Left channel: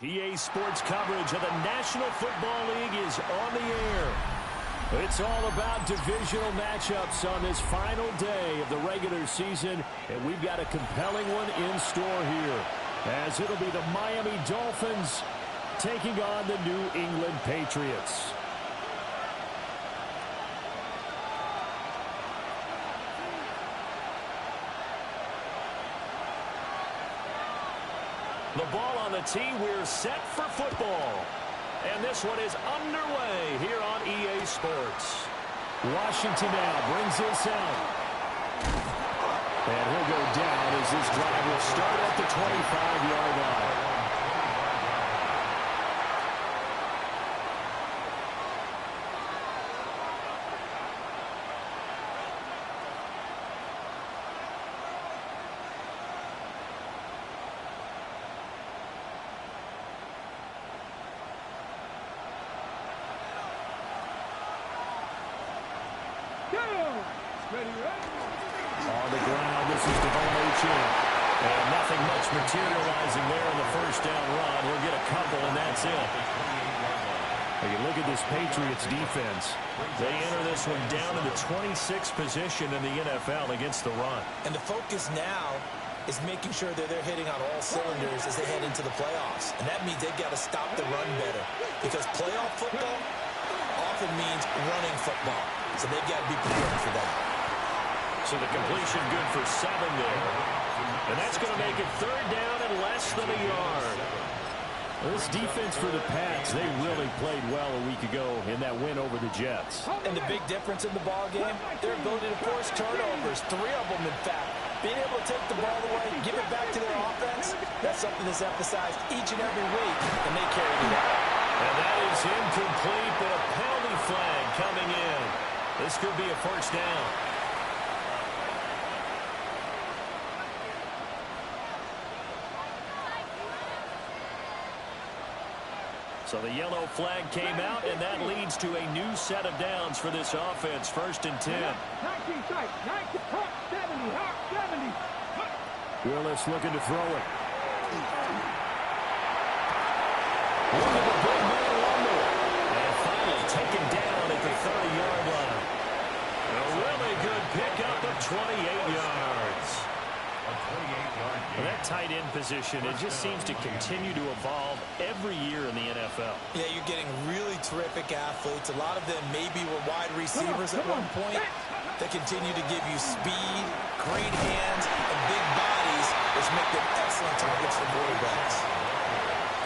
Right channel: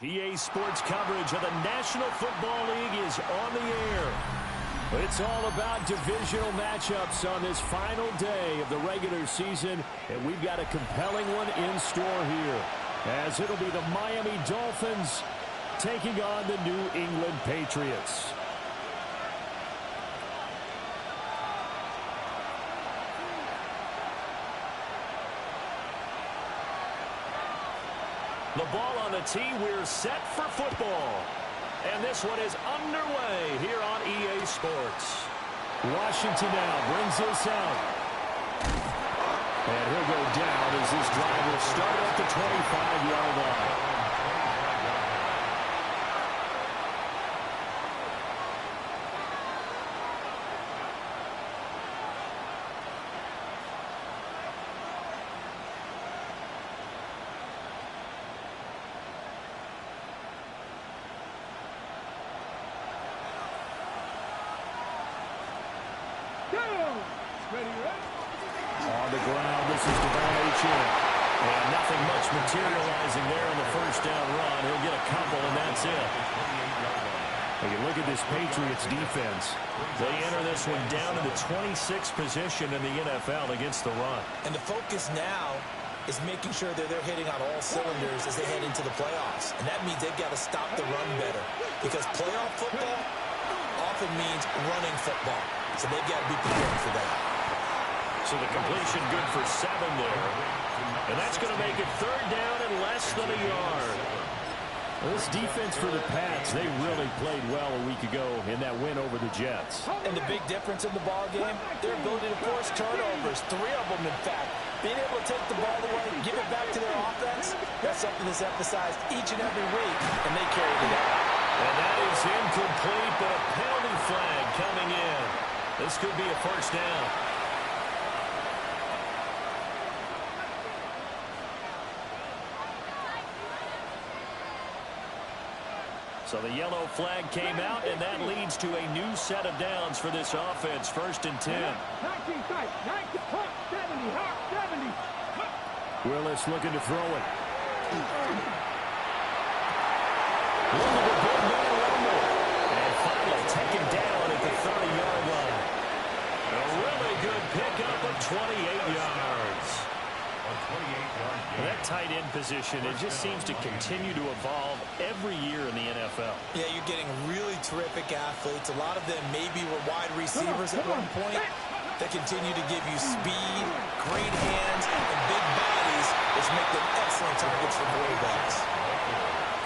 EA Sports coverage of the National Football League is on the air. It's all about divisional matchups on this final day of the regular season, and we've got a compelling one in store here, as it'll be the Miami Dolphins taking on the New England Patriots. The ball on the tee, we're set for football. And this one is underway here on EA Sports. Washington now brings this out. And he'll go down as this drive will start at the 25-yard line. On the ground, this is Devon Achane. And nothing much materializing there on the first down run. He'll get a couple, and that's it. When you look at this Patriots defense, they enter this one down in the 26th position in the NFL against the run. And the focus now is making sure that they're hitting on all cylinders as they head into the playoffs. And that means they've got to stop the run better, because playoff football often means running football. So they've got to be prepared for that. So the completion good for 7 there. And that's going to make it third down and less than a yard. Well, this defense for the Pats, they really played well a week ago in that win over the Jets. And the big difference in the ball game, their ability to force turnovers, 3 of them in fact. Being able to take the ball away, give it back to their offense, that's something that's emphasized each and every week, and they carried it out. And that is incomplete, but a penalty flag coming in. This could be a first down. So the yellow flag came out, and that leads to a new set of downs for this offense. 1st and 10. Willis looking to throw it. Look at the big man rumble. And finally taken down at the 30-yard line. A really good pickup of 28 yards. Well, that tight end position, it just seems to continue to evolve every year in the NFL. Yeah, you're getting really terrific athletes. A lot of them maybe were wide receivers at one point that continue to give you speed, great hands, and big bodies, which make them excellent targets for quarterbacks.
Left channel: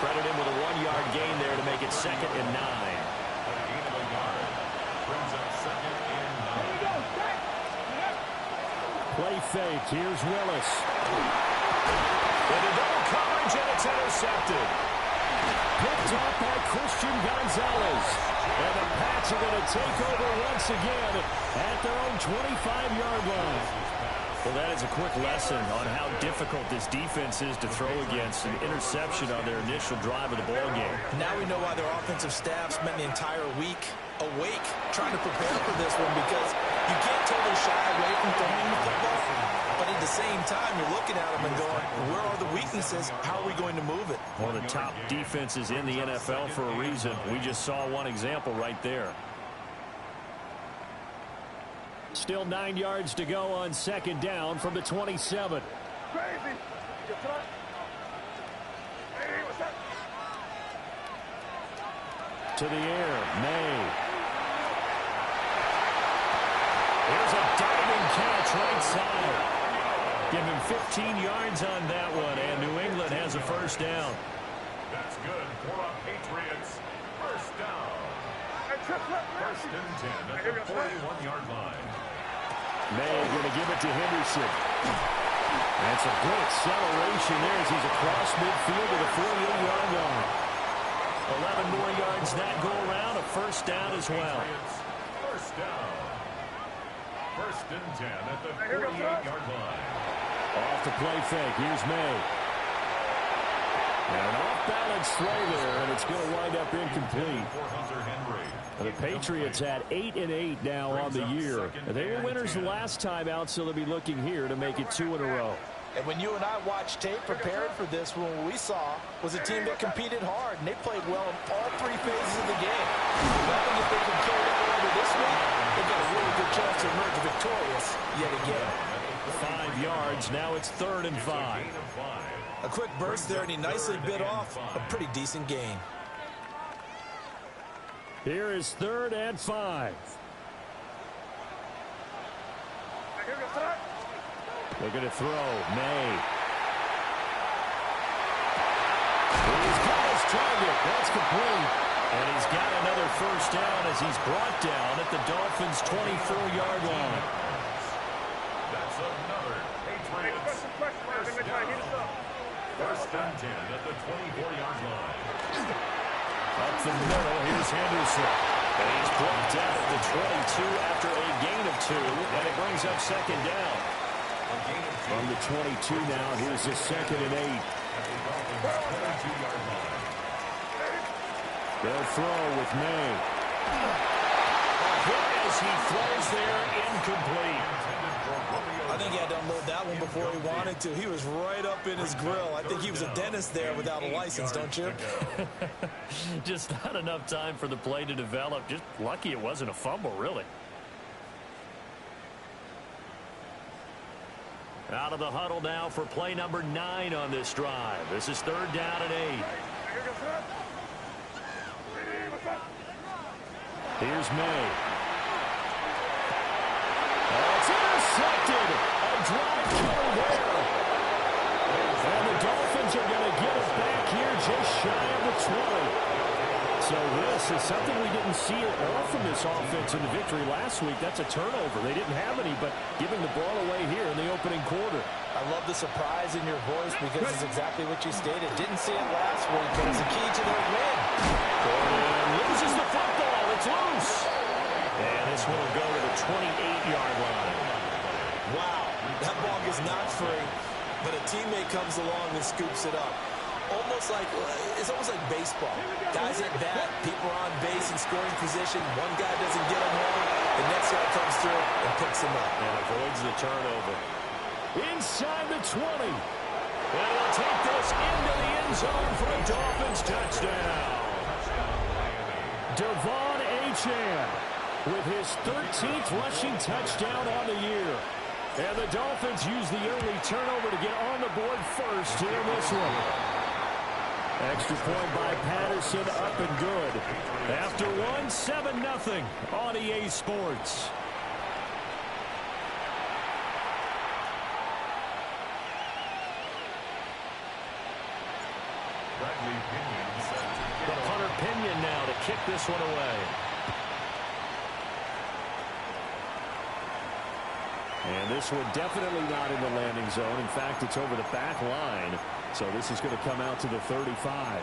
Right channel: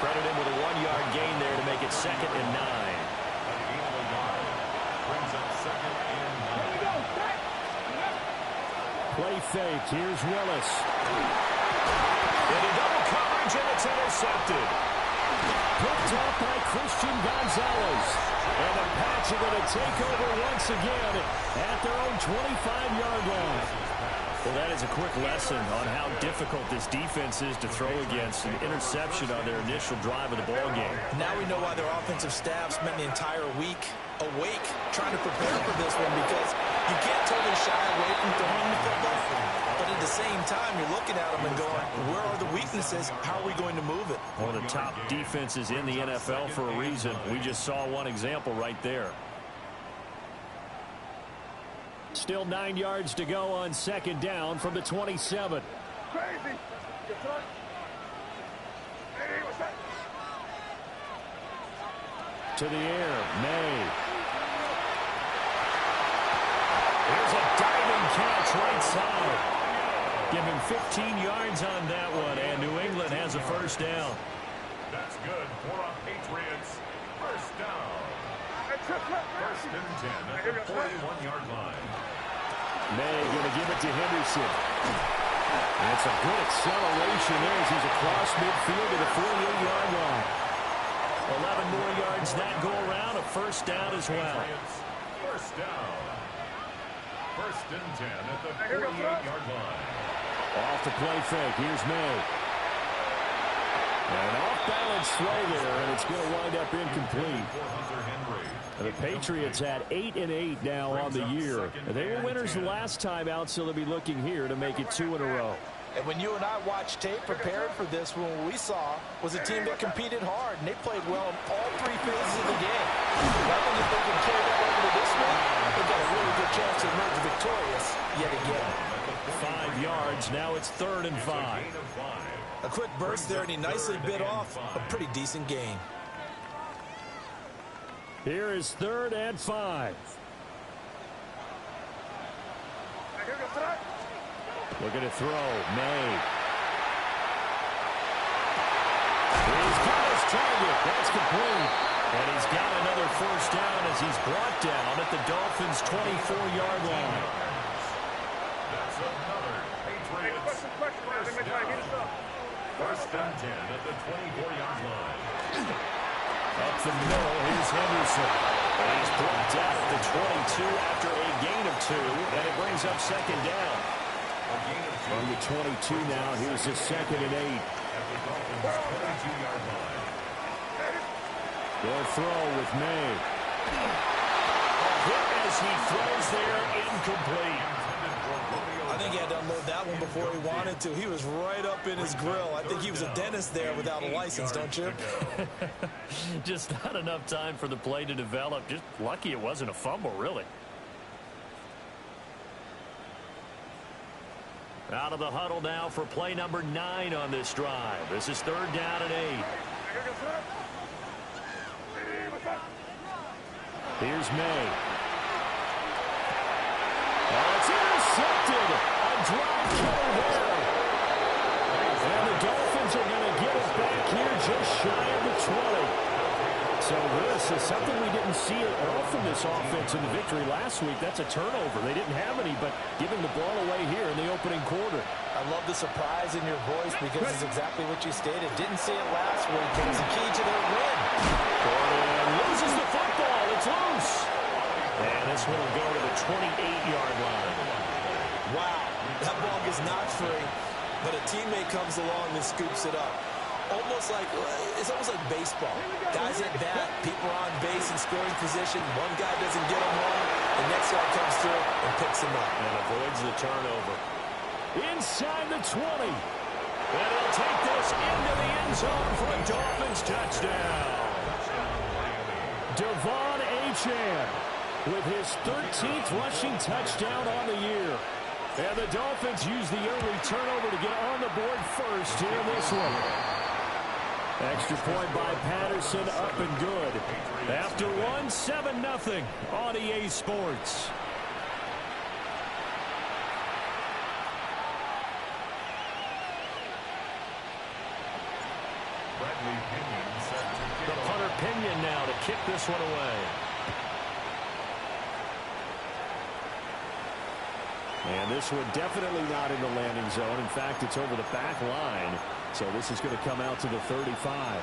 Credit him with a 1-yard gain there to make it 2nd and 9. Brings up 2nd and 9. Play fake. Here's Willis. Into double coverage, and it's intercepted. Picked off by Christian Gonzalez. And the Pats are going to take over once again at their own 25-yard line. Well, that is a quick lesson on how difficult this defense is to throw against. An interception on their initial drive of the ball game. Now we know why their offensive staff spent the entire week awake trying to prepare for this one, because you can't totally shy away from throwing the football, but at the same time you're looking at them and going, where are the weaknesses? How are we going to move it? One of the top defenses in the NFL for a reason. We just saw one example right there. Still 9 yards to go on 2nd down from the 27. Crazy. To the air, May. Here's a diving catch right side. Give him 15 yards on that one, and New England has a first down. That's good for a Patriots. First down. 1st and 10 at the 41-yard line. May going to give it to Henderson. And some good acceleration there as he's across midfield to the 48-yard line. 11 more yards that go around, a first down as well. First down. 1st and 10 at the 48-yard line. Off the play fake. Here's May. And an off-balance throw there, and it's going to wind up incomplete. The Patriots at 8-8 now on the year. They were winners the last time out, so they'll be looking here to make it 2 in a row. And when you and I watched tape preparing for this, what we saw was a team that competed hard, and they played well in all three phases of the game. I think if they can carry that over to this week, they've got a really good chance to emerge victorious yet again. 5 yards. Now it's 3rd and 5. A quick burst there, and he nicely bit off a pretty decent gain. Here is 3rd and 5. Looking to throw. May. He's got his target. That's complete. And he's got another first down as he's brought down at the Dolphins' 24-yard line. That's another Patriots first down. 1st and 10 at the 24-yard line. Up the middle, here's Henderson. And he's brought down at the 22 after a gain of 2, and it brings up 2nd down. From the 22 now, here's the 2nd and 8. At the Dolphins' 22-yard line. They'll throw with May. A hit as he throws there, incomplete. I think he had to unload that one before he wanted to. He was right up in his grill. I think he was a dentist there without a license, don't you? Just not enough time for the play to develop. Just lucky it wasn't a fumble, really. Out of the huddle now for play number 9 on this drive. This is 3rd down and 8. Here's May. Oh, it's intercepted. A drive killer there. And the Dolphins are going to get it back here just shy of the 20. So this is something we didn't see at all from this offense in the victory last week. That's a turnover. They didn't have any, but giving the ball away here in the opening quarter. I love the surprise in your voice because it's exactly what you stated. Didn't see it last week, but it's a key to their win. Gordon loses the football. It's loose. And this one will go to the 28-yard line. Wow, that ball gets knocked free, but a teammate comes along and scoops it up. It's almost like baseball. Guys at bat, people are on base in scoring position. One guy doesn't get him wrong. The next guy comes through and picks him up. And avoids the turnover. Inside the 20. And he'll take this into the end zone for a Dolphins touchdown. Devon Achane with his 13th rushing touchdown on the year. And the Dolphins use the early turnover to get on the board first here in this one. Extra point by Patterson, up and good. After one, 7-0 on EA Sports. The punter Pinion now to kick this one away. And this one definitely not in the landing zone. In fact, it's over the back line. So this is going to come out to the 35.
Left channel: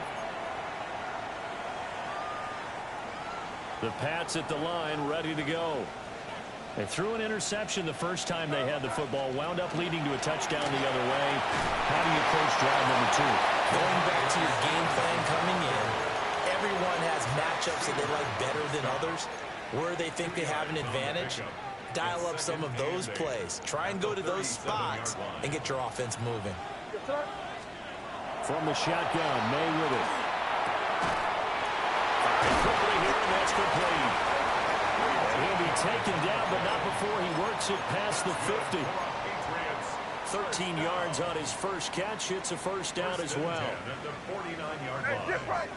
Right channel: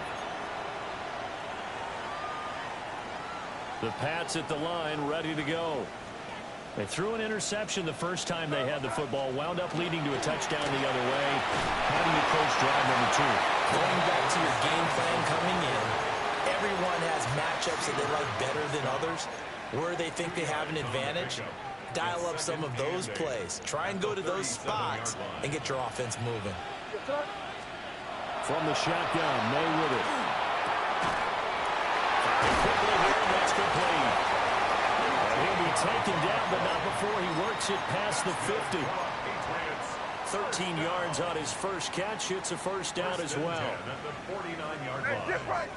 The Pats at the line, ready to go. They threw an interception the first time they had the football, wound up leading to a touchdown the other way. How do you approach drive number 2? Going back to your game plan coming in, everyone has matchups that they like better than others. Where they think they have an advantage, dial up some of those plays. Try and go to those spots and get your offense moving. From the shotgun, May with it. Firing quickly here, and that's complete. And he'll be taken down, but not before he works it past the 50. 13 yards on his first catch. It's a first down as well. At the 49-yard line. Dip right.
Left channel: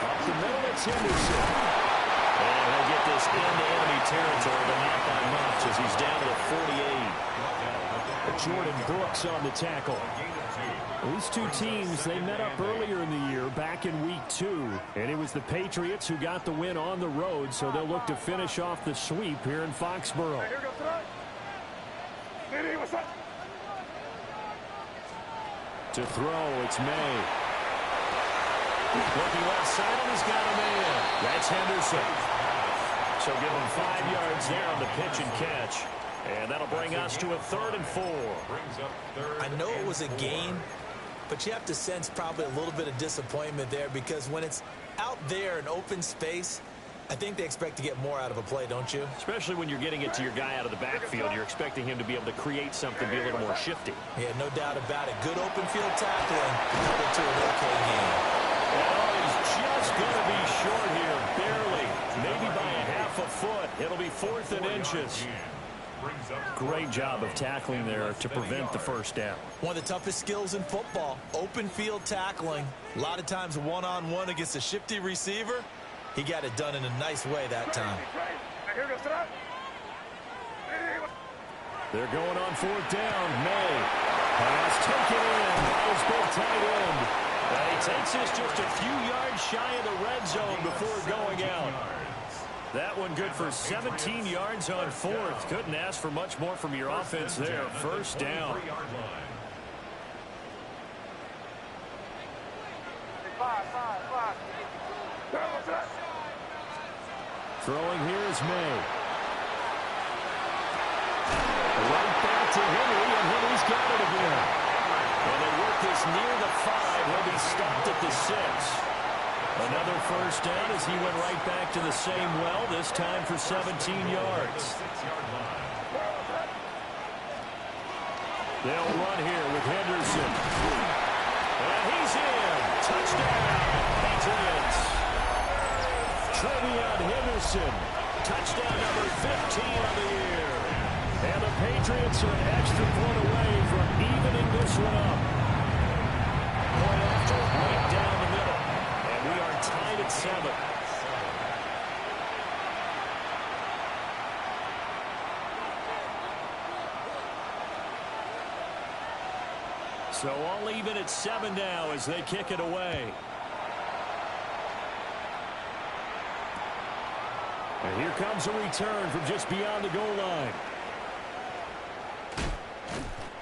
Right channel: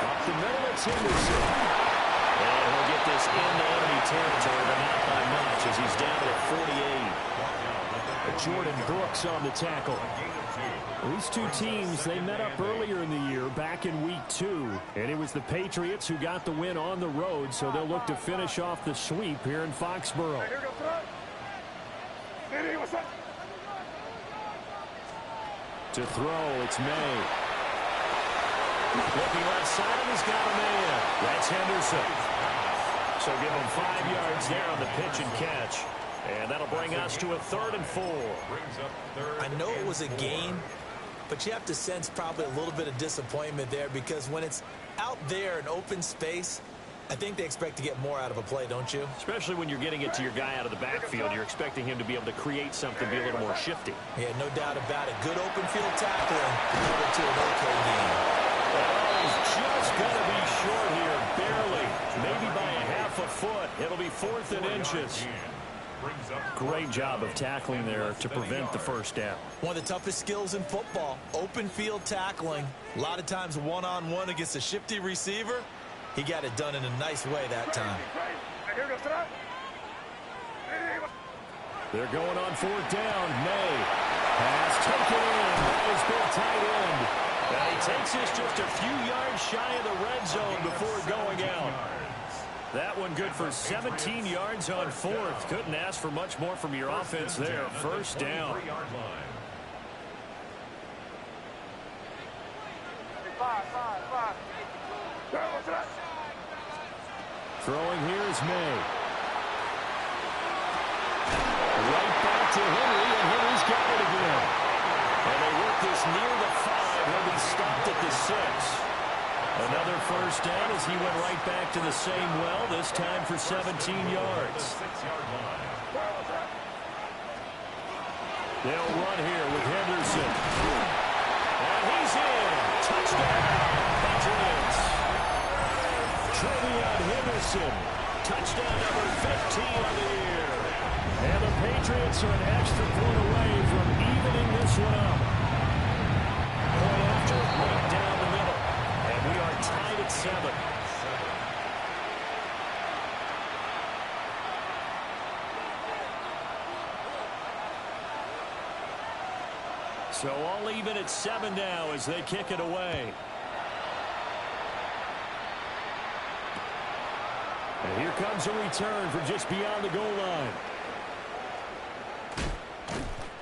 Up the middle, it's Henderson. And he'll get this into enemy territory, but not by much as he's down to the 48. Jordan Brooks on the tackle. These two teams, they met up earlier in the year, back in week 2. And it was the Patriots who got the win on the road, so they'll look to finish off the sweep here in Foxborough. To throw, it's May. Looking left side, and he's got a man. That's Henderson. So give him 5 yards there on the pitch and catch. And that'll bring us to a 3rd and 4. I know it was a gain, but you have to sense probably a little bit of disappointment there because when it's out there in open space, I think they expect to get more out of a play, don't you? Especially when you're getting it to your guy out of the backfield. You're expecting him to be able to create something, be a little more shifty. Yeah, no doubt about it. Good open field tackling. Held it to an okay game. And he's just going to be short here, barely. Maybe by a half a foot. It'll be 4th and inches. Great job of tackling there to prevent the first down. One of the toughest skills in football, open field tackling. A lot of times one-on-one against a shifty receiver. He got it done in a nice way that time. They're going on 4th down. May pass taken in by his big tight end. And he takes this just a few yards shy of the red zone before going out. That one good for 17 yards on 4th. Couldn't ask for much more from your offense there. First down. Throwing here is May. Right back to Henry, and Henry's got it again. And they work this near the 5. He'll be stopped at the 6. Another first down as he went right back to the same well, this time for 17 yards. They'll run here with Henderson. And he's in. Touchdown, Patriots. Trevion Henderson. Touchdown number 15 of the year. And the Patriots are an extra point away from evening this one up. Point after, right down the middle. And we are tied at 7. So all even at 7 now as they kick it away. And here comes a return from just beyond the goal line.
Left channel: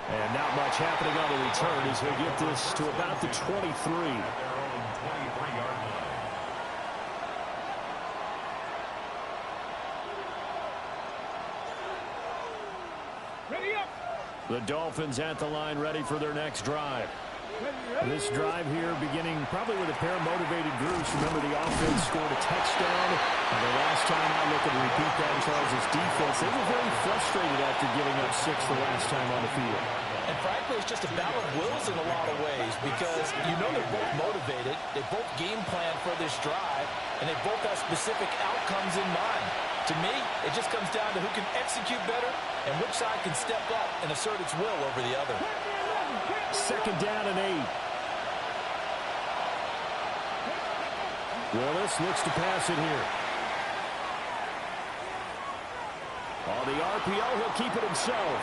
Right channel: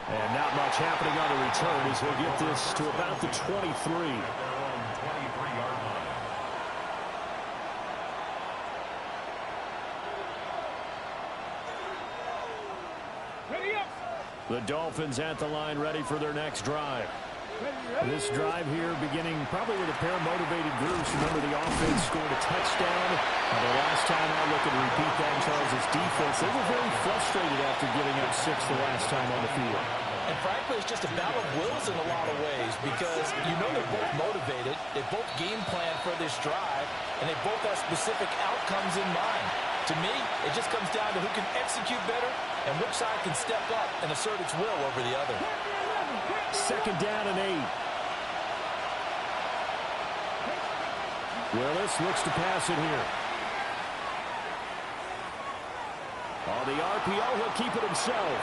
And not much happening on the return as he'll get this to about the 23. At their own 23-yard line. Ready up. The Dolphins at the line ready for their next drive. This drive here beginning probably with a pair of motivated groups. Remember, the offense scored a touchdown. The last time out, looking to repeat that in Charles' defense. They were very frustrated after giving up 6 the last time on the field. And frankly, it's just a battle of wills in a lot of ways because you know they're both motivated. They both game plan for this drive, and they both have specific outcomes in mind. To me, it just comes down to who can execute better and which side can step up and assert its will over the other. 2nd down and 8. Willis looks to pass it here. On the RPO, he'll keep it himself.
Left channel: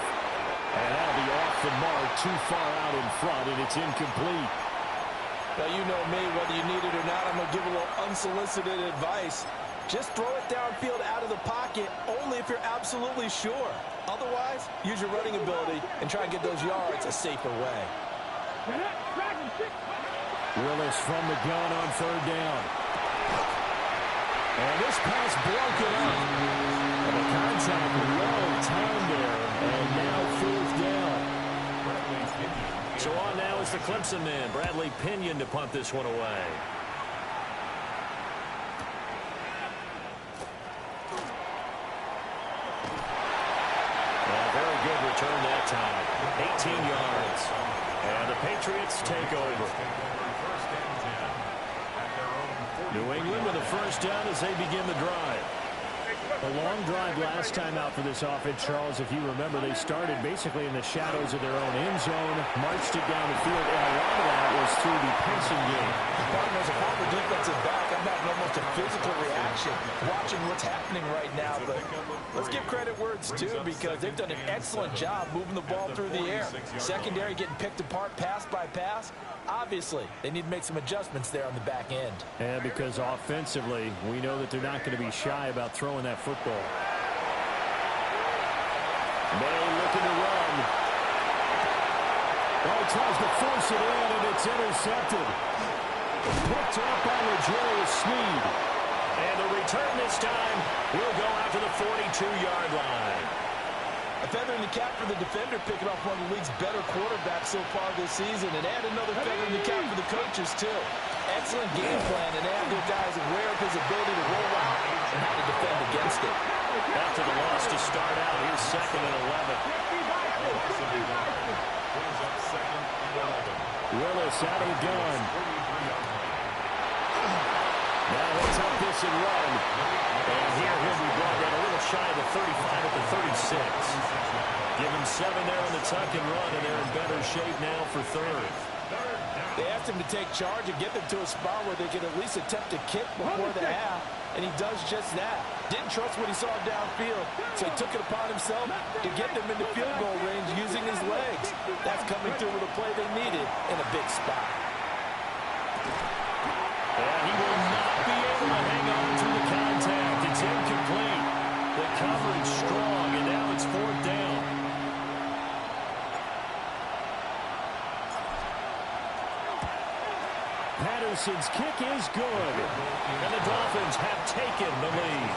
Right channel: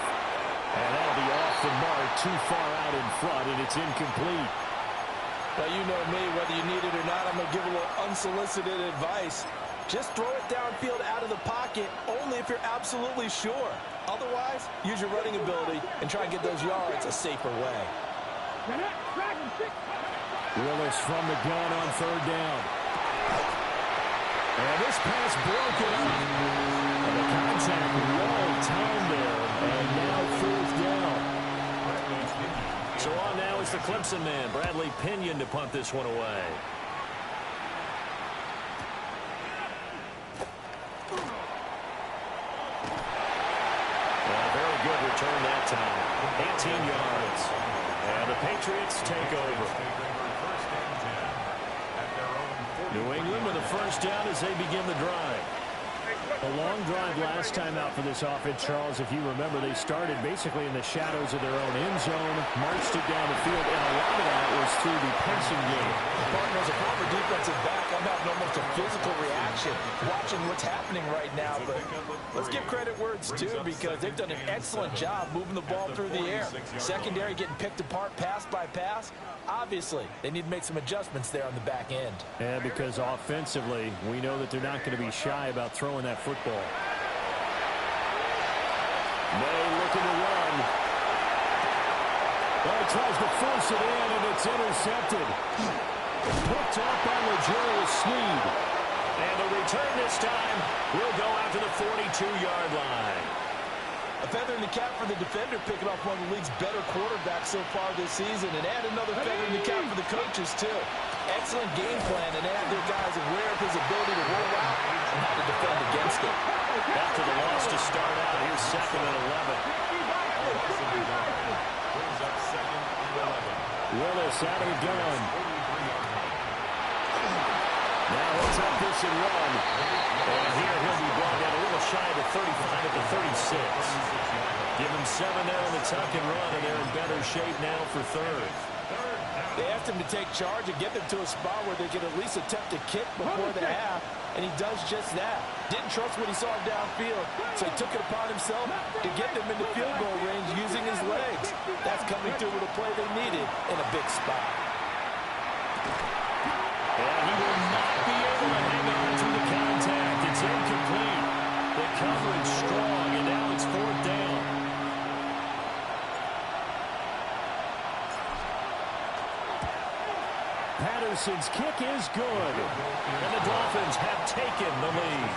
And that'll be off the mark, too far out in front, and it's incomplete. Now, you know me, whether you need it or not, I'm going to give a little unsolicited advice. Just throw it downfield out of the pocket only if you're absolutely sure. Otherwise, use your running ability and try and get those yards a safer way. Willis from the gun on 3rd down. And this pass broken up. And the contact well timed there. And now 4th down. So on now is the Clemson man, Bradley Pinion, to punt this one away. Very good return that time. 18 yards. And the Patriots take over. New England with a first down as they begin the drive. A long drive last time out for this offense, Charles. If you remember, they started basically in the shadows of their own end zone, marched it down the field, and a lot of that was through the passing game. Partner, as a former defensive back, I'm having almost a physical reaction watching what's happening right now. But let's give credit where it's due because they've done an excellent job moving the ball through the air. Secondary getting picked apart pass by pass. Obviously, they need to make some adjustments there on the back end. And because offensively, we know that they're not going to be shy about throwing that football. May looking to run. Well, he tries to force it in, and it's intercepted. Picked up by L'Jarius Sneed. And the return this time will go out to the 42-yard line. A feather in the cap for the defender, picking off one of the league's better quarterbacks so far this season, and add another feather in the cap for the coaches, too. Excellent game plan, and they have their guys aware of his ability to roll out and how to defend against it. After the loss to start out, here's 2nd and 11. Brings up 2nd and 11. Willis out of the gun. Now he'll take this and run. And here he'll be brought down a little shy of the 35 at the 36. Give him 7 there on the tuck and run, and they're in better shape now for 3rd. They asked him to take charge and get them to a spot where they could at least attempt to kick before the half, and he does just that. Didn't trust what he saw downfield, so he took it upon himself to get them into field goal range using his legs. That's coming through with a play they needed in a big spot. And he will not be able to hang on to the contact. It's incomplete. The coverage strong, and now it's 4th down. Patterson's kick is good. And the Dolphins have taken the lead.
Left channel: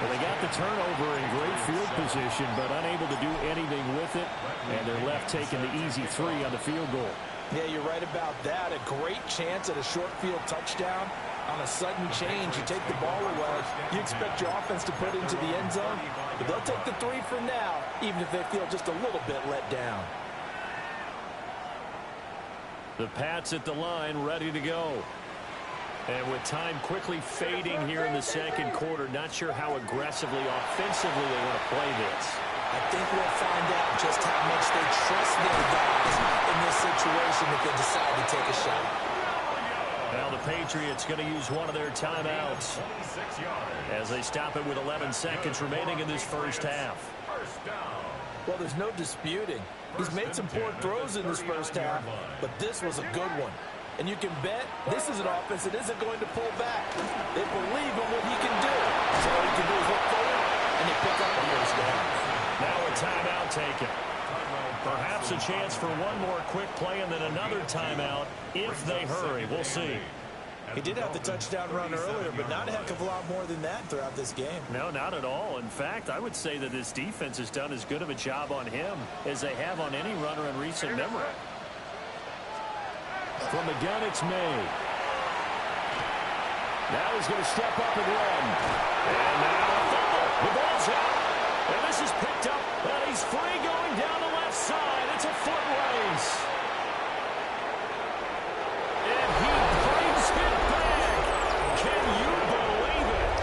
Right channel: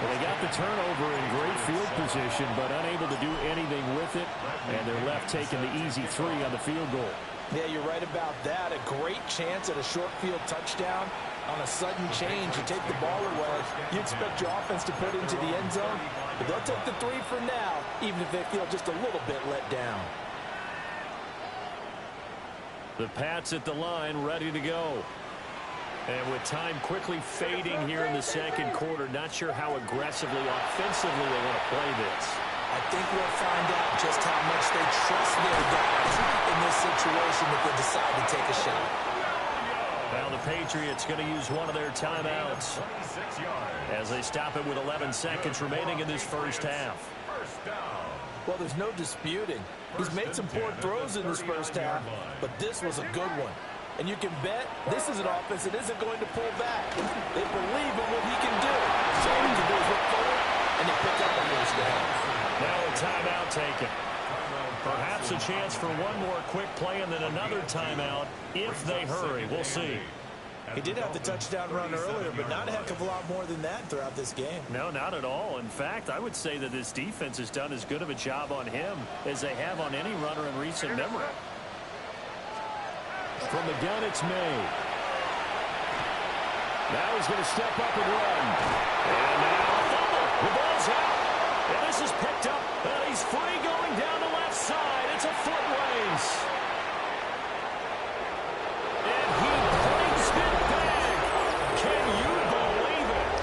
Well, they got the turnover in great field position, but unable to do anything with it. And they're left taking the easy 3 on the field goal. Yeah, you're right about that. A great chance at a short field touchdown. On a sudden change, you take the ball away. You expect your offense to put it into the end zone, but they'll take the 3 for now, even if they feel just a little bit let down. The Pats at the line, ready to go. And with time quickly fading here in the 2nd quarter, not sure how aggressively, offensively they want to play this. I think we'll find out just how much they trust their guys in this situation if they decide to take a shot. Now the Patriots going to use one of their timeouts as they stop it with 11 seconds remaining in this first half. Well, there's no disputing. He's made some poor throws in this first half, but this was a good one. And you can bet this is an offense that isn't going to pull back. They believe in what he can do. So all he can do is look forward, and they pick up a first down. Now a timeout taken. Perhaps a chance for one more quick play and then another timeout if they hurry. We'll see. He did have the touchdown run earlier, but not a heck of a lot more than that throughout this game. No, not at all. In fact, I would say that this defense has done as good of a job on him as they have on any runner in recent memory. From the gun, it's May. Now he's going to step up and run. And now a fumble. The ball's out. And this is picked up. And he's free going down the left side. It's a foot race. And he brings it back. Can you believe it?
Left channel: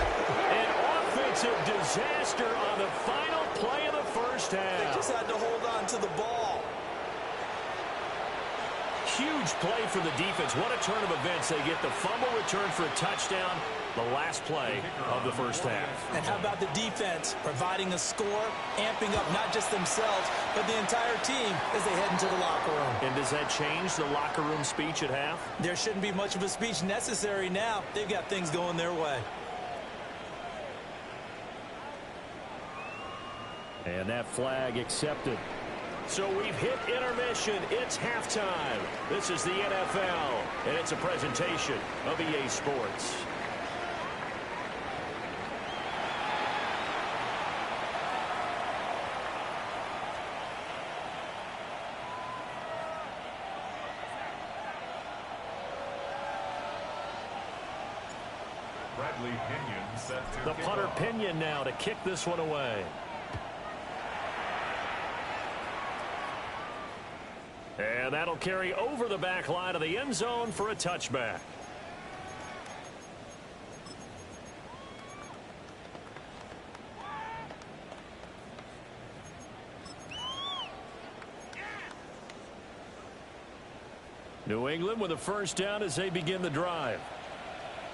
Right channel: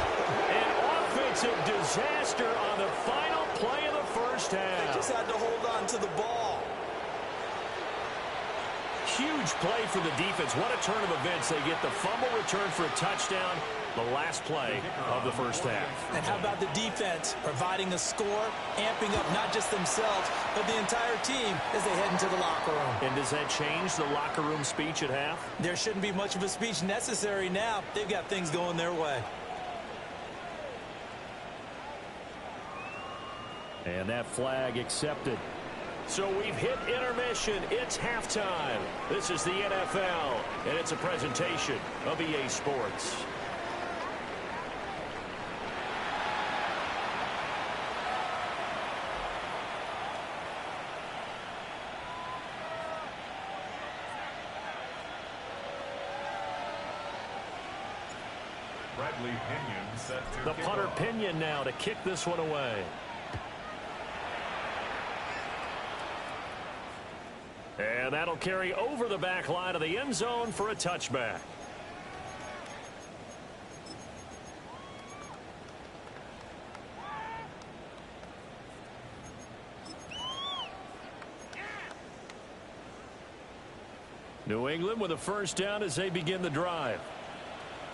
An offensive disaster on the final play of the first half. They just had to hold on to the ball. Huge play for the defense. What a turn of events. They get the fumble return for a touchdown, the last play of the first half. And how about the defense providing a score, amping up not just themselves, but the entire team as they head into the locker room. And does that change the locker room speech at half? There shouldn't be much of a speech necessary now. They've got things going their way. And that flag accepted. So we've hit intermission. It's halftime. This is the NFL, and it's a presentation of EA Sports. Bradley Pinion set to The punter Pinion now to kick this one away. And that'll carry over the back line of the end zone for a touchback. New England with a first down as they begin the drive.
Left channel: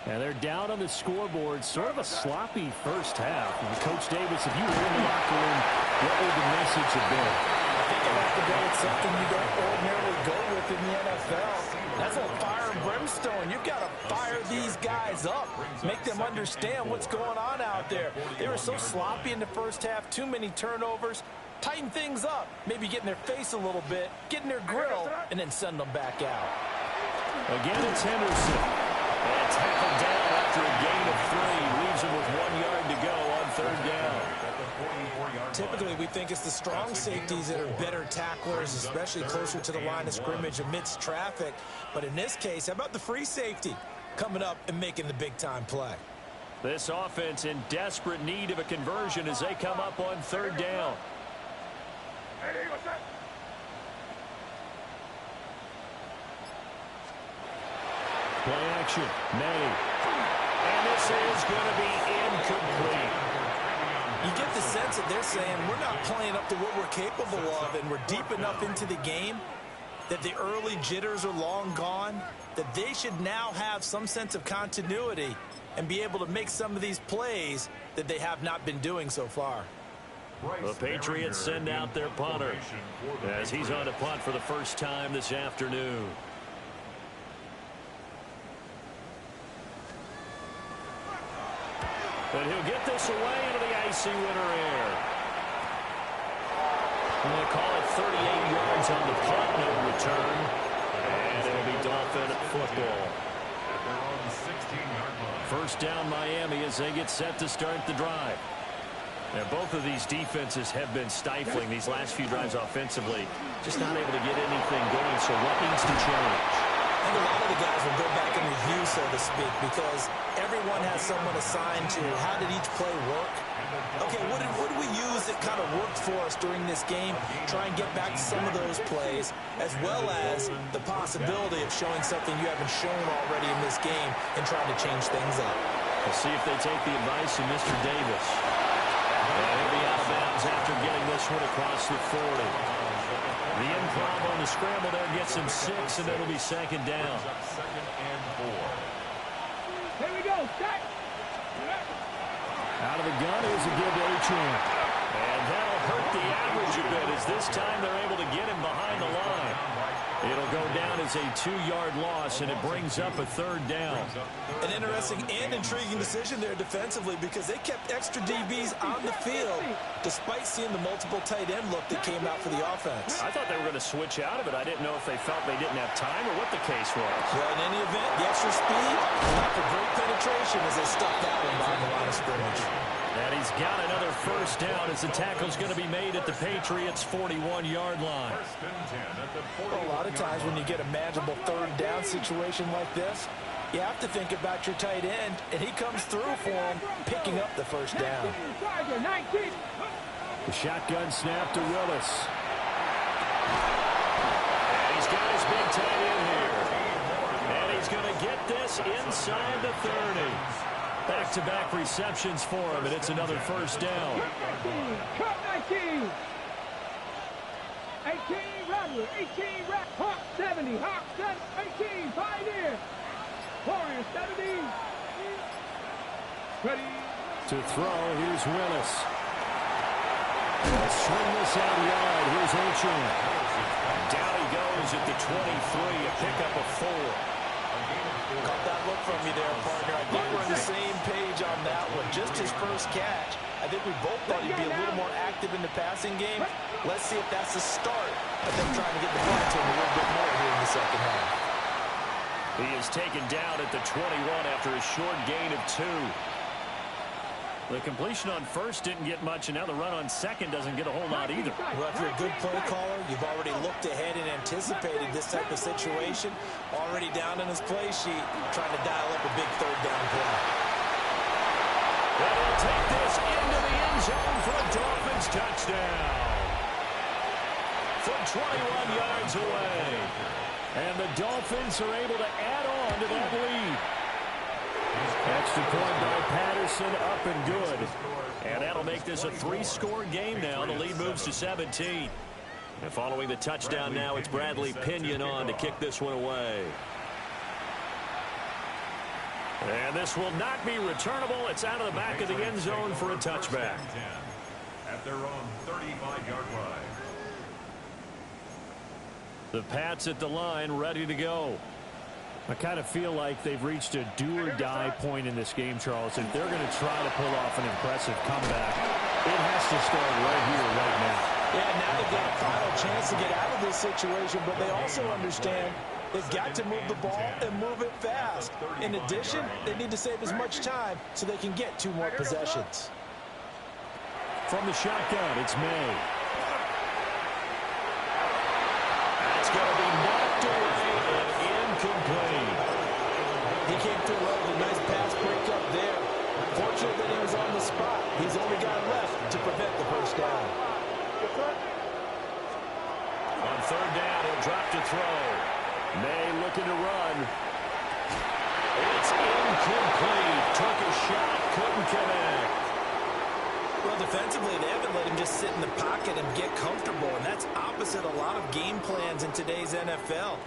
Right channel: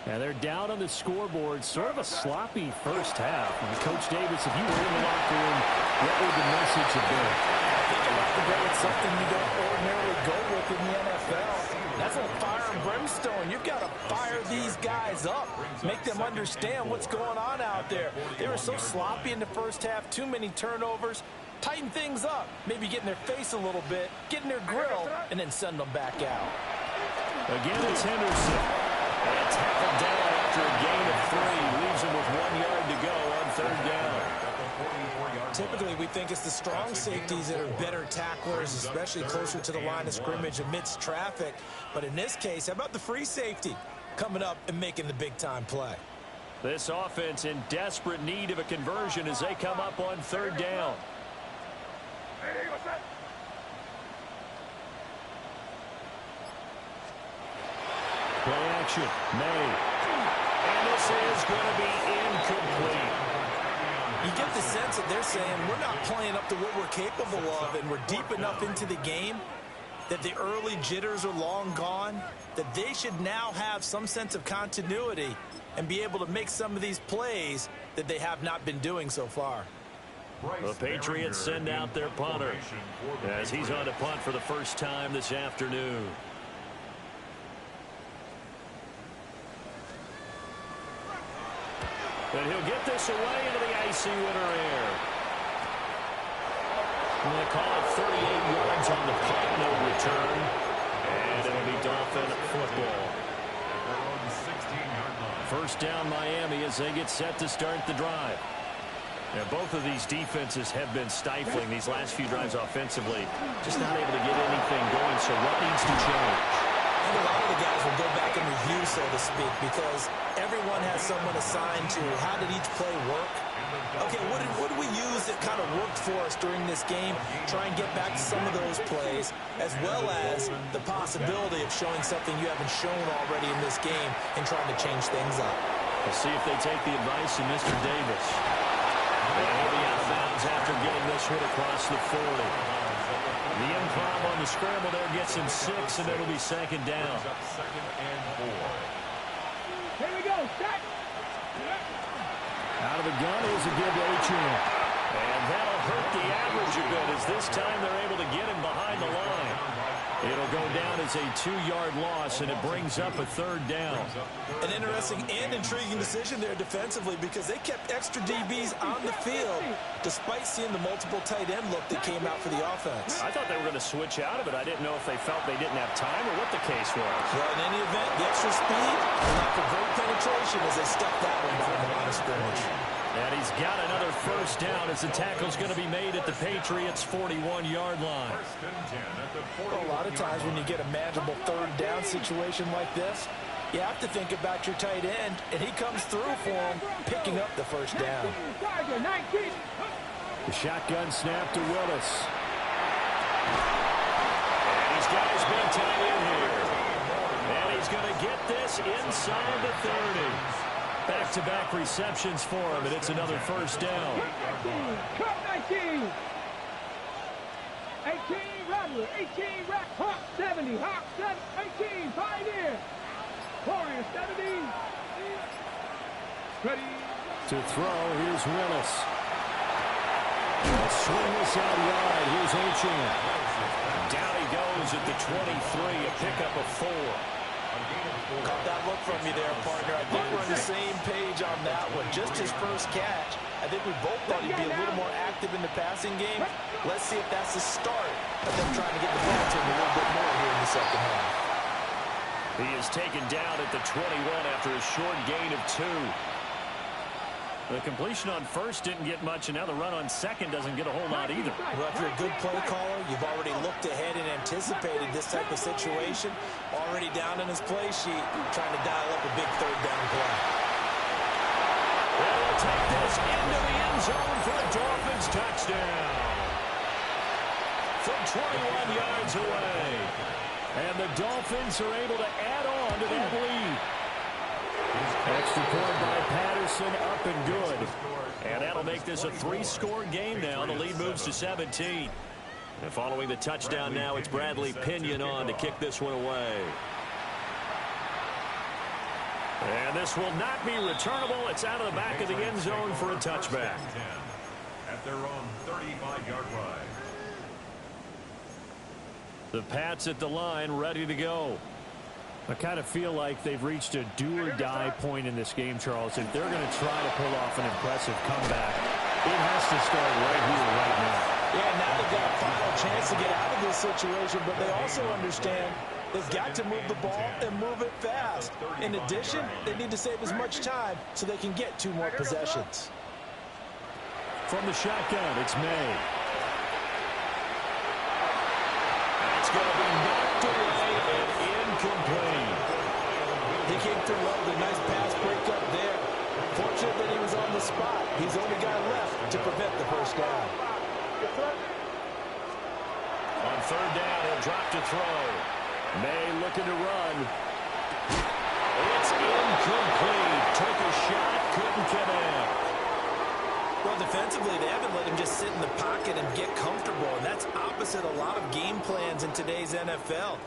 And they're down on the scoreboard. Sort of a sloppy first half. And Coach Davis, if you were in the locker room, what would the message have been? I think you have to go with something you don't ordinarily go with in the NFL. That's a fire and brimstone. You've got to fire these guys up. Make them understand what's going on out there. They were so sloppy in the first half. Too many turnovers. Tighten things up. Maybe get in their face a little bit. Get in their grill. And then send them back out. Again, it's Henderson. And tackled down after a gain of 3. Leaves him with 1 yard to go on third down. Typically, we think it's the strong safeties that are better tacklers, especially closer to the line of scrimmage amidst traffic. But in this case, how about the free safety coming up and making the big-time play? This offense in desperate need of a conversion as they come up on third down. Play action. May. And this is going to be incomplete. You get the sense that they're saying we're not playing up to what we're capable of, and we're deep enough into the game that the early jitters are long gone, that they should now have some sense of continuity and be able to make some of these plays that they have not been doing so far. The Patriots send out their punter as he's on to punt for the first time this afternoon. But he'll get this away into the icy winter air. I'm going to call it 38 yards on the punt, no return. And it'll be Dolphin football. At their own 16-yard line. First down Miami as they get set to start the drive. Now, both of these defenses have been stifling these last few drives offensively. Just not able to get anything going, so what needs to change? I think a lot of the guys will go back and review, so to speak, because everyone has someone assigned to how did each play work. Okay, what did we use that kind of worked for us during this game? Try and get back to some of those plays, as well as the possibility of showing something you haven't shown already in this game and trying to change things up. We'll see if they take the advice of Mr. Davis. And he'll be out of bounds after getting this one across the 40. The improv on the scramble there gets him 6, and it'll be second down. Second and 4. Here we go. Set. Out of the gun is a give Champ. And that'll hurt the average a bit as this time they're able to get him behind the line. It'll go down as a 2-yard loss, and it brings up a third down. An interesting and intriguing decision there defensively because they kept extra DBs on the field despite seeing the multiple tight end look that came out for the offense. I thought they were going to switch out of it. I didn't know if they felt they didn't have time or what the case was. Well, in any event, the extra speed allowed for great penetration as they stuffed that one behind the line of scrimmage. And he's got another first down as the tackle's going to be made at the Patriots' 41-yard line. Well, a lot of times when you get a manageable third down situation like this, you have to think about your tight end, and he comes through for him, picking up the first down. The shotgun snap to Willis. And he's got his big tight end here. And he's going to get this inside the 30. Back-to-back receptions for him, and it's another first down. 19. 18, Rattler. 18, Hawk 70. Hawk 18, Pioneer. Warrior 70. Ready. To throw, here's Willis. They'll swing this out wide. Here's Achane. Down he goes at the 23, a pickup of 4. Caught that look from you there, partner. I think we're on the same page on that one. Just his first catch. I think we both thought he'd be a little more active in the passing game. Let's see if that's the start of them trying to get the ball to him a little bit more here in the second half. He is taken down at the 21 after a short gain of 2. The completion on first didn't get much, and now the run on second doesn't get a whole lot either. Well, if you're a good play caller, you've already looked ahead and anticipated this type of situation. Already down in his play sheet, trying to dial up a big third down play. And he'll take this into the end zone for a Dolphins touchdown. From 21 yards away. And the Dolphins are able to add on to that lead. Extra point by Patterson, up and good. And that'll make this a 3-score game now. The lead moves to 17. And following the touchdown now, it's Bradley Pinion on to kick this one away. And this will not be returnable. It's out of the back of the end zone for a touchback. At their own 35-yard line. The Pats at the line, ready to go. I kind of feel like they've reached a do-or-die point in this game, Charles. If they're going to try to pull off an impressive comeback, it has to start right here, right now. Yeah, now they've got a final chance to get out of this situation, but they also understand they've got to move the ball and move it fast. In addition, they need to save as much time so they can get 2 more possessions. From the shotgun, it's May. That's going to be knocked away and incomplete. He came through well with a nice pass breakup there. Fortunate that he was on the spot. He's the only guy left to prevent the first down. On third down, he'll drop to throw. May looking to run. It's incomplete. Took a shot, couldn't connect. Well, defensively, they haven't let him just sit in the pocket and get comfortable, and that's opposite a lot of game plans in today's NFL.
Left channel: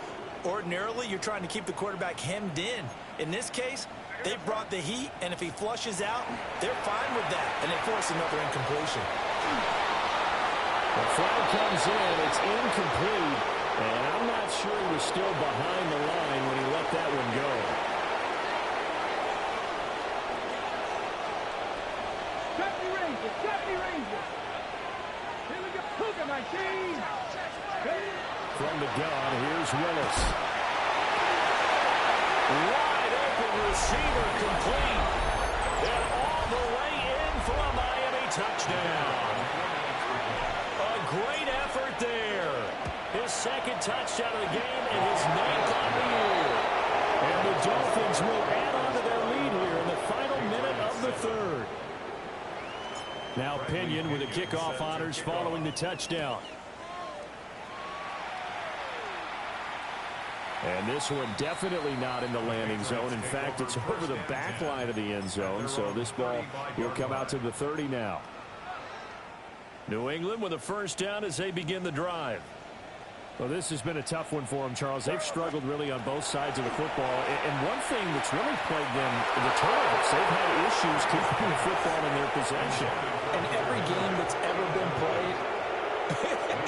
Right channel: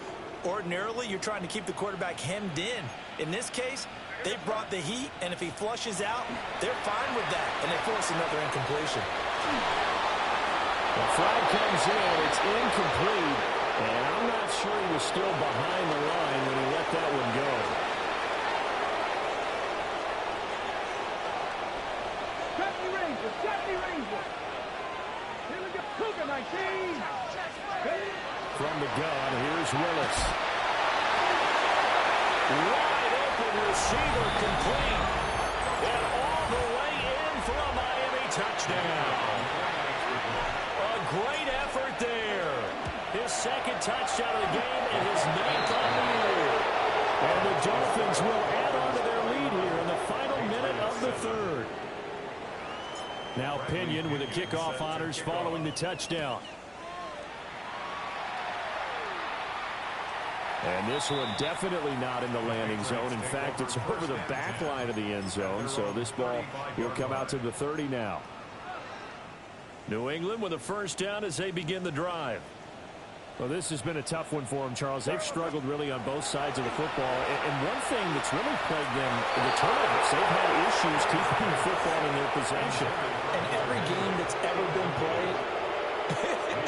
Ordinarily, you're trying to keep the quarterback hemmed in. In this case, they brought the heat, and if he flushes out, they're fine with that, and they force another incompletion. The flag comes in. It's incomplete, and I'm not sure he was still behind the line when he let that one go. 70 Rangers. Here we go. Cougar 19. From the gun, here's Willis. Wide open receiver complete. And all the way in for a Miami touchdown. A great effort there. His second touchdown of the game and his 9th on the year. And the Dolphins will add on to their lead here in the final minute of the third. Now Pinion with the kickoff honors following the touchdown. And this one definitely not in the landing zone. In fact, it's over the back line of the end zone. So this ball will come out to the 30 now. New England with a first down as they begin the drive. Well, this has been a tough one for them, Charles. They've struggled really on both sides of the football. And one thing that's really plagued them, the turnovers. They've had issues keeping the football in their possession. And every game that's ever been played,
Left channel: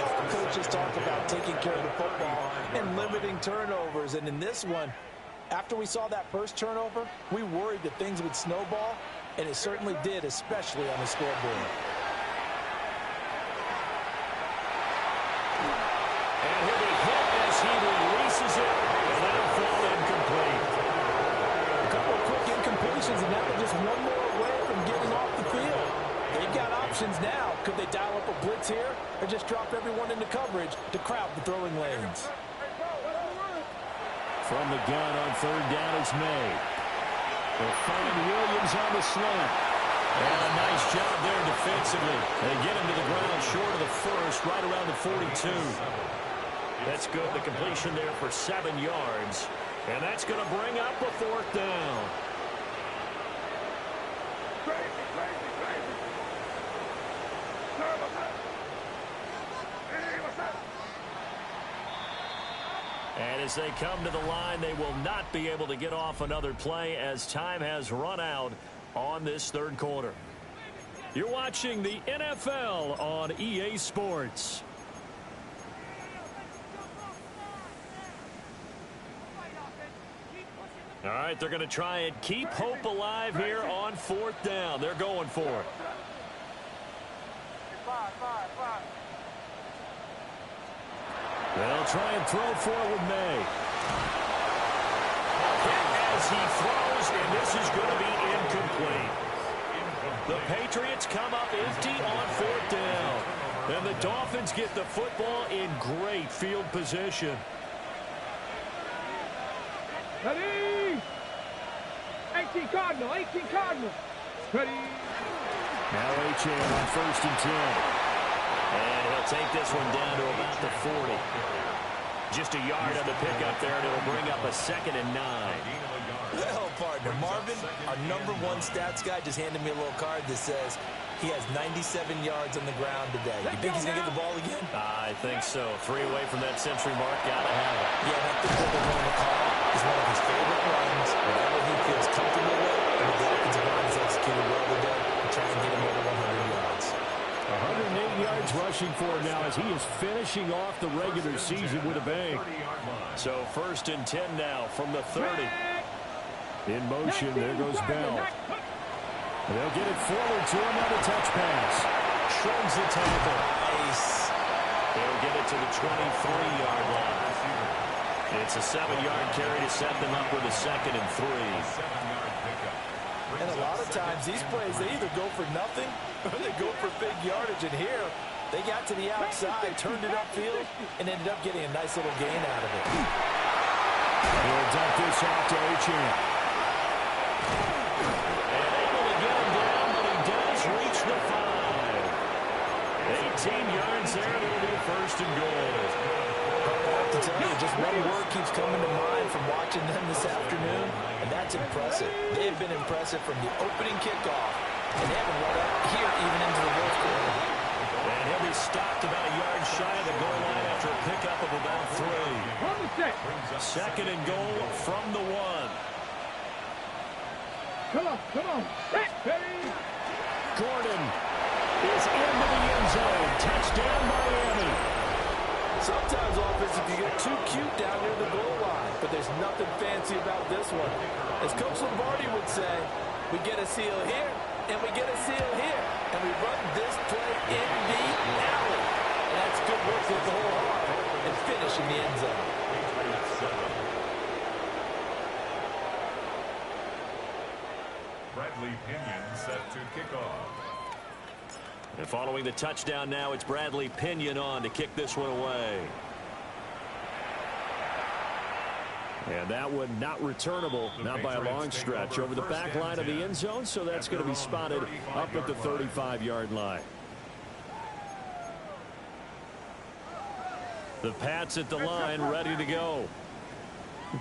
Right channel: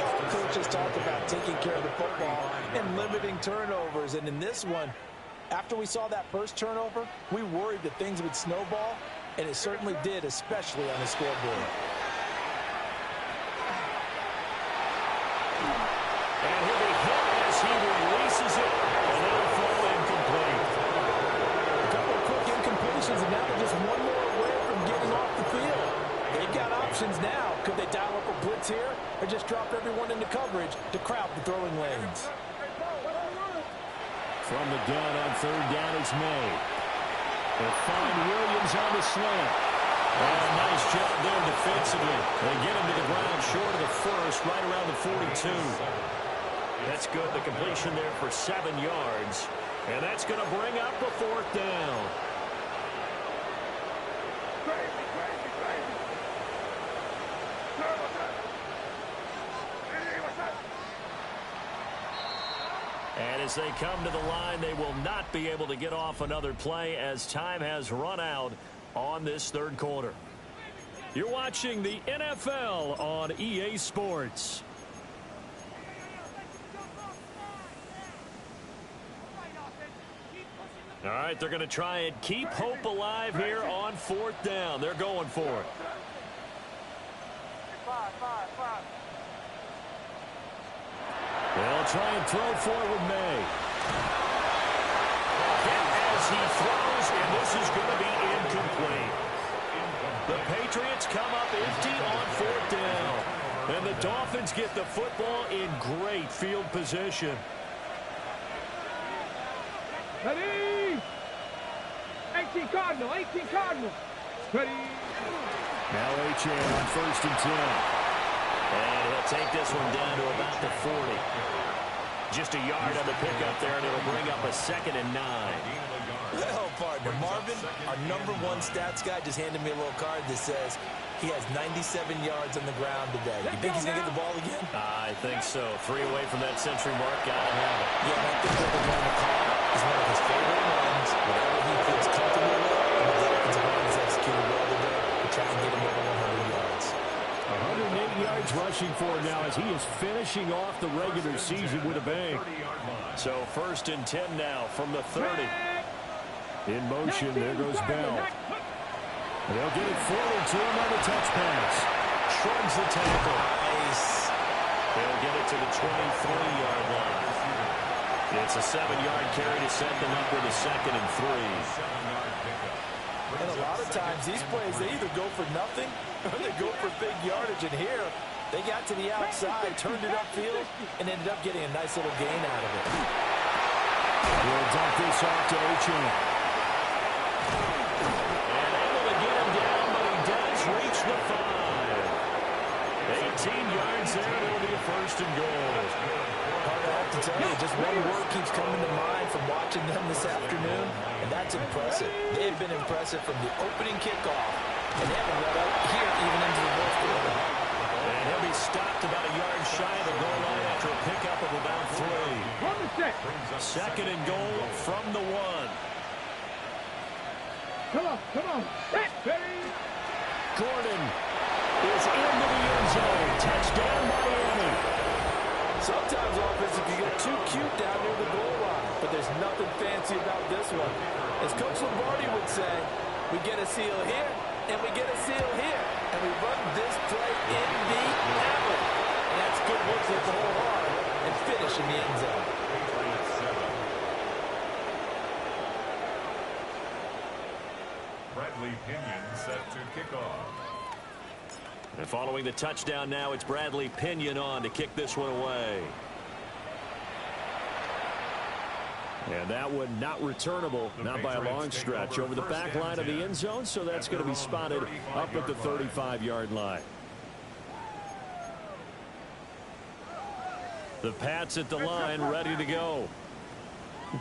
all coaches talk about taking care of the football and limiting turnovers. And in this one, after we saw that first turnover, we worried that things would snowball, and it certainly did, especially on the scoreboard. And he'll be hit as he releases it, and that'll fall incomplete. A couple of quick incompletions, and now they're just one more away from getting off the field. They've got options now. Could they dial up a blitz here or just drop everyone into coverage to crowd the throwing lanes? From the gun on third down is May. They'll find Williams on the slant. And a nice job there defensively. They get him to the ground short of the first, right around the 42. That's good. The completion there for 7 yards. And that's going to bring up a fourth down. And as they come to the line, they will not be able to get off another play as time has run out on this third quarter. You're watching the NFL on EA Sports. All right, they're going to try and keep hope alive here on fourth down. They're going for it. They'll try and throw for it with May. Hit as he throws, and this is going to be incomplete. The Patriots come up empty on fourth down. And the Dolphins get the football in great field position. Ready? 18 Cardinal, 18 Cardinal. Ready? Now H.A. on first and 10. And he'll take this one down to about the 40. Just a yard on the pickup there, and it'll bring up a 2nd and 9. Well, partner, Marvin, our #1 stats guy, just handed me a little card that says he has 97 yards on the ground today. You think he's going to get the ball again? I think so. 3 away from that century mark. Got to have it. Yeah, and I think what they're going to call is one of his favorite runs, whatever he feels comfortable with, and the offensive line has executed well today to try and get him over 100 yards. 108 yards rushing for him now as he is finishing off the regular season with a bang. So first and 10 now from the 30. In motion, there goes Bell. They'll get it forward to him on the touch pass. Shrugs the tackle. Nice. They'll get it to the 23-yard line. It's a 7-yard carry to set them up with a 2nd and 3. And a lot of times these plays, they either go for nothing or they go for big yardage. And here, they got to the outside, turned it upfield, and ended up getting a nice little gain out of it. He'll dump this off to Ochan. And able to get him down, but he does reach the 5. 18 yards there, and it'll be a first and goal. I have to tell you, just one word keeps coming to mind from watching them this afternoon, and that's impressive. They've been impressive from the opening kickoff, and they haven't let up here even into the fourth quarter. And he'll be stopped about a yard shy of the goal line after a pickup of about 3. On the set. Second and goal from the 1. Come on. Set, ready. Gordon is into the end zone. Touchdown, Miami. Sometimes offense, if you get too cute down near the goal line, but there's nothing fancy about this one. As Coach Lombardi would say, we get a seal here, and we get a seal here, and we run this play in the alley. And that's good work to hit the hole hard and finish in the end zone. Bradley Pinion set to kick off. And following the touchdown now, it's Bradley Pinion on to kick this one away. And that one not returnable, not by a long stretch, over the back line of the end zone, so that's going to be spotted up at the 35-yard line. The Pats at the line, ready to go.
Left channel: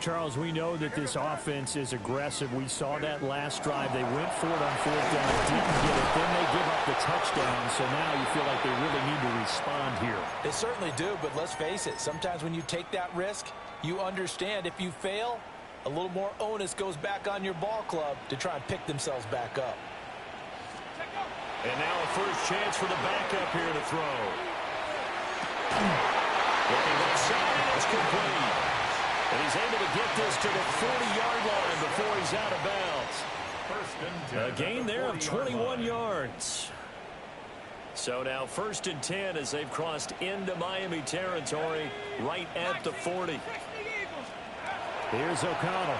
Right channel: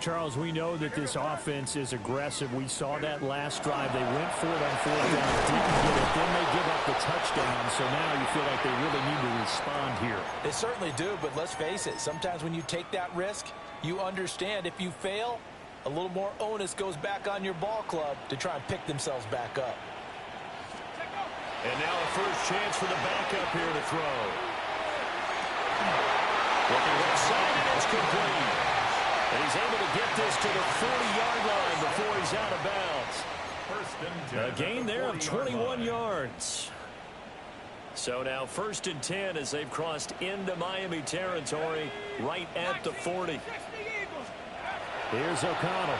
Charles, we know that this offense is aggressive. We saw that last drive. They went for it on 4th down, didn't get it. Then they give up the touchdown, so now you feel like they really need to respond here. They certainly do, but let's face it. Sometimes when you take that risk, you understand if you fail, a little more onus goes back on your ball club to try and pick themselves back up. And now a first chance for the backup here to throw. Looking left side, and it's complete. And he's able to get this to the 40-yard line before he's out of bounds. A gain there of 21 yards. So now 1st and 10 as they've crossed into Miami territory right at the 40. Here's O'Connell.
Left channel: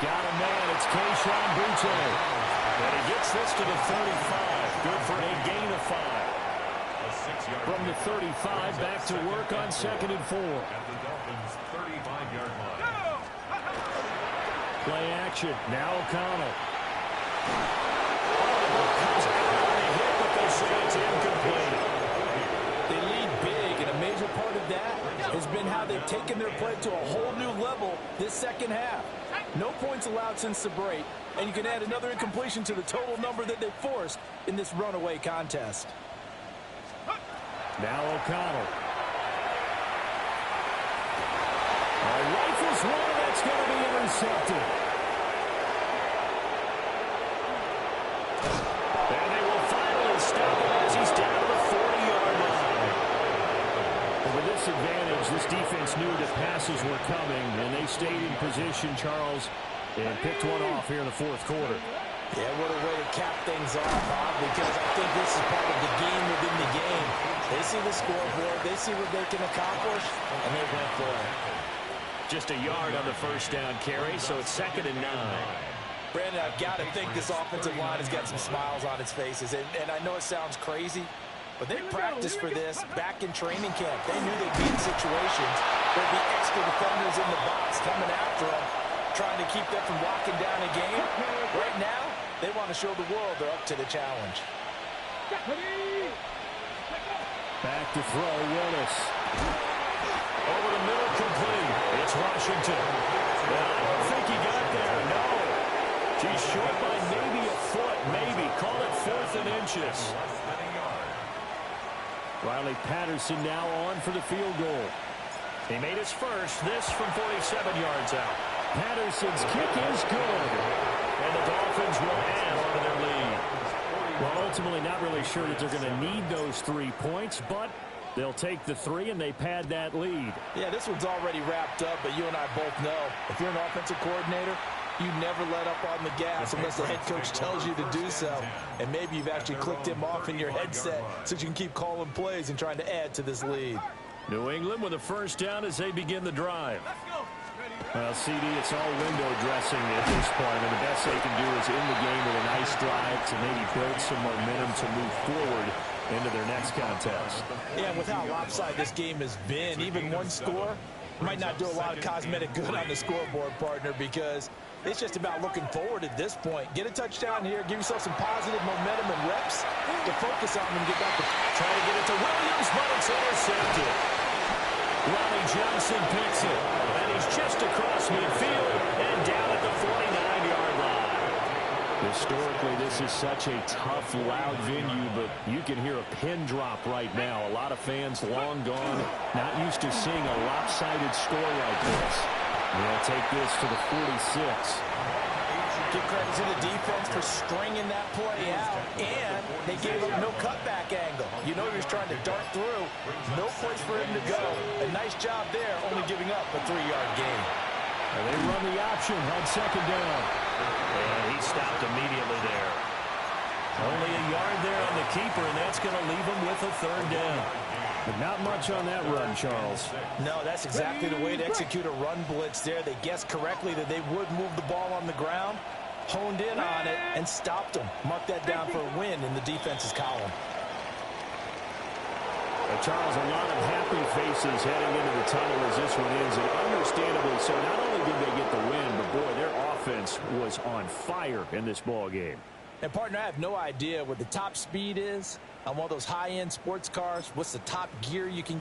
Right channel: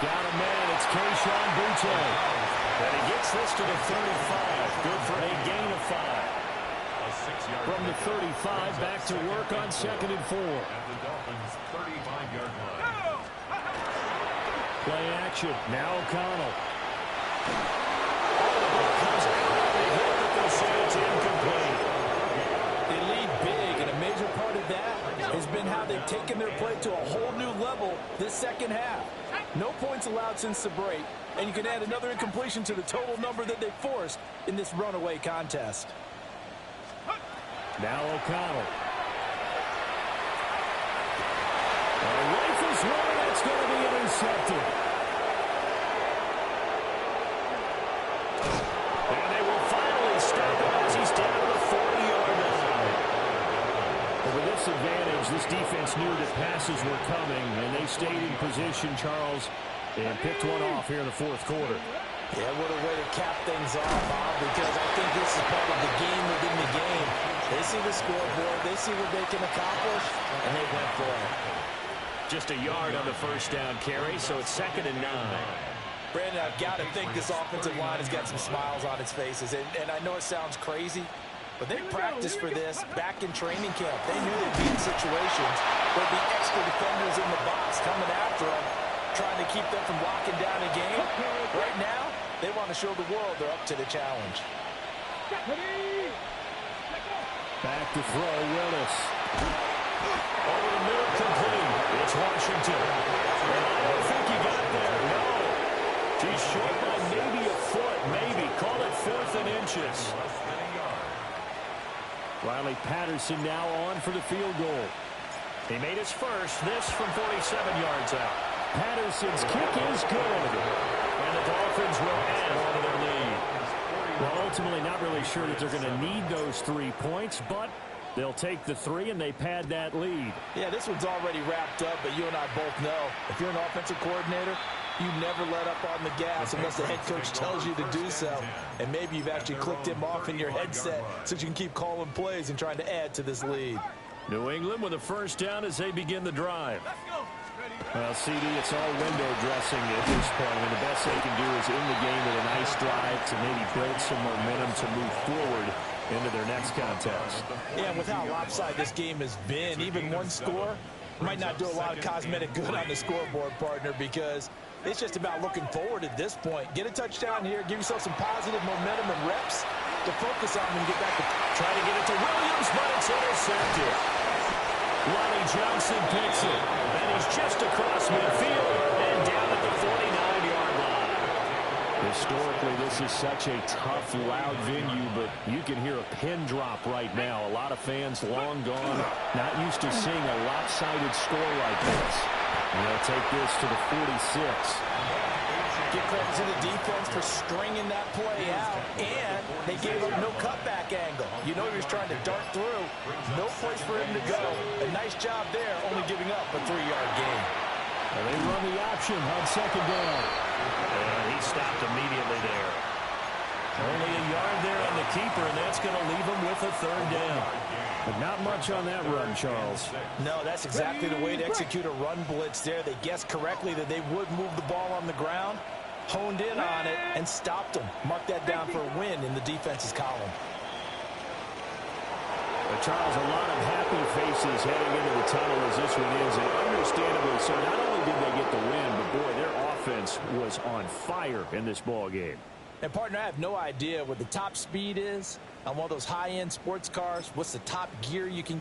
Got a man. It's Keyshawn Boutte. And he gets this to the 35. Good for a gain of 5. From the 35, back to work on 2nd and 4. At the Dolphins' 35-yard line. Play action. Now O'Connell. Oh, the ball comes out on the hit, but they'll say it's incomplete. They lead big, and a major part of that has been how they've taken their play to a whole new level this second half. No points allowed since the break, and you can add another incompletion to the total number that they forced in this runaway contest. Now O'Connell. Rifles one, and that's going to be intercepted. And they will finally stop him as he's down to the 40-yard line. Well, with this advantage, this defense knew that passes were coming, and they stayed in position, Charles, and picked one off here in the 4th quarter. Yeah, what a way to cap things off, Bob, because I think this is part of the game within the game. They see the scoreboard, they see what they can accomplish, and they went for it. Just a yard on the first down carry, so it's 2nd and 9. Brandon, I've got to think this offensive line has got some smiles on its faces, and I know it sounds crazy, but they practiced for this back in training camp. They knew they'd be in situations where there'd be extra defenders in the box coming after them, trying to keep them from locking down a game. Right now, they want to show the world they're up to the challenge. Back to throw, Willis. Over the middle, complete. It's Washington. And I don't think he got there, no. He's short by maybe a foot, maybe. Call it 4th and inches. Riley Patterson now on for the field goal. He made his first, this from 47 yards out. Patterson's kick is good. And the Dolphins will add on to their lead. Well, ultimately not really sure that they're going to need those 3 points, but they'll take the 3 and they pad that lead. Yeah, this one's already wrapped up, but you and I both know if you're an offensive coordinator, you never let up on the gas unless the head coach tells you to do so. And maybe you've actually clicked him off in your headset so you can keep calling plays and trying to add to this lead. New England with a first down as they begin the drive. Well, CD, it's all window dressing at this point. I mean, the best they can do is in the game with a nice drive to maybe build some momentum to move forward into their next contest. Yeah, and with how lopsided this game has been, even one score might not do a lot of cosmetic good on the scoreboard, partner, because it's just about looking forward at this point. Get a touchdown here, give yourself some positive momentum and reps to focus on when you get back to try to get it to Williams, but it's intercepted. Lonnie Johnson picks it, and he's just across midfield and down at the 49-yard line. Historically, this is such a tough, loud venue, but you can hear a pin drop right now. A lot of fans long gone, not used to seeing a lopsided score like this. They'll take this to the 46. Give credit to the defense for stringing that play out, and they gave up no cutback angle. You know he was trying to dart through. No place for him to go. A nice job there, only giving up a 3-yard gain. And they run the option on second down. And he stopped immediately there. Only a yard there on the keeper, and that's going to leave him with a third down. But not much on that run, Charles. No, that's exactly the way to execute a run blitz there. They guessed correctly that they would move the ball on the ground, honed in on it, and stopped them. Mark that down for a win in the defense's column. Charles, a lot of happy faces heading into the tunnel as this one ends, and understandably so. Not only did they get the win, but boy, their offense was on fire in this ball game. And partner, I have no idea what the top speed is on one of those high-end sports cars. What's the top gear you can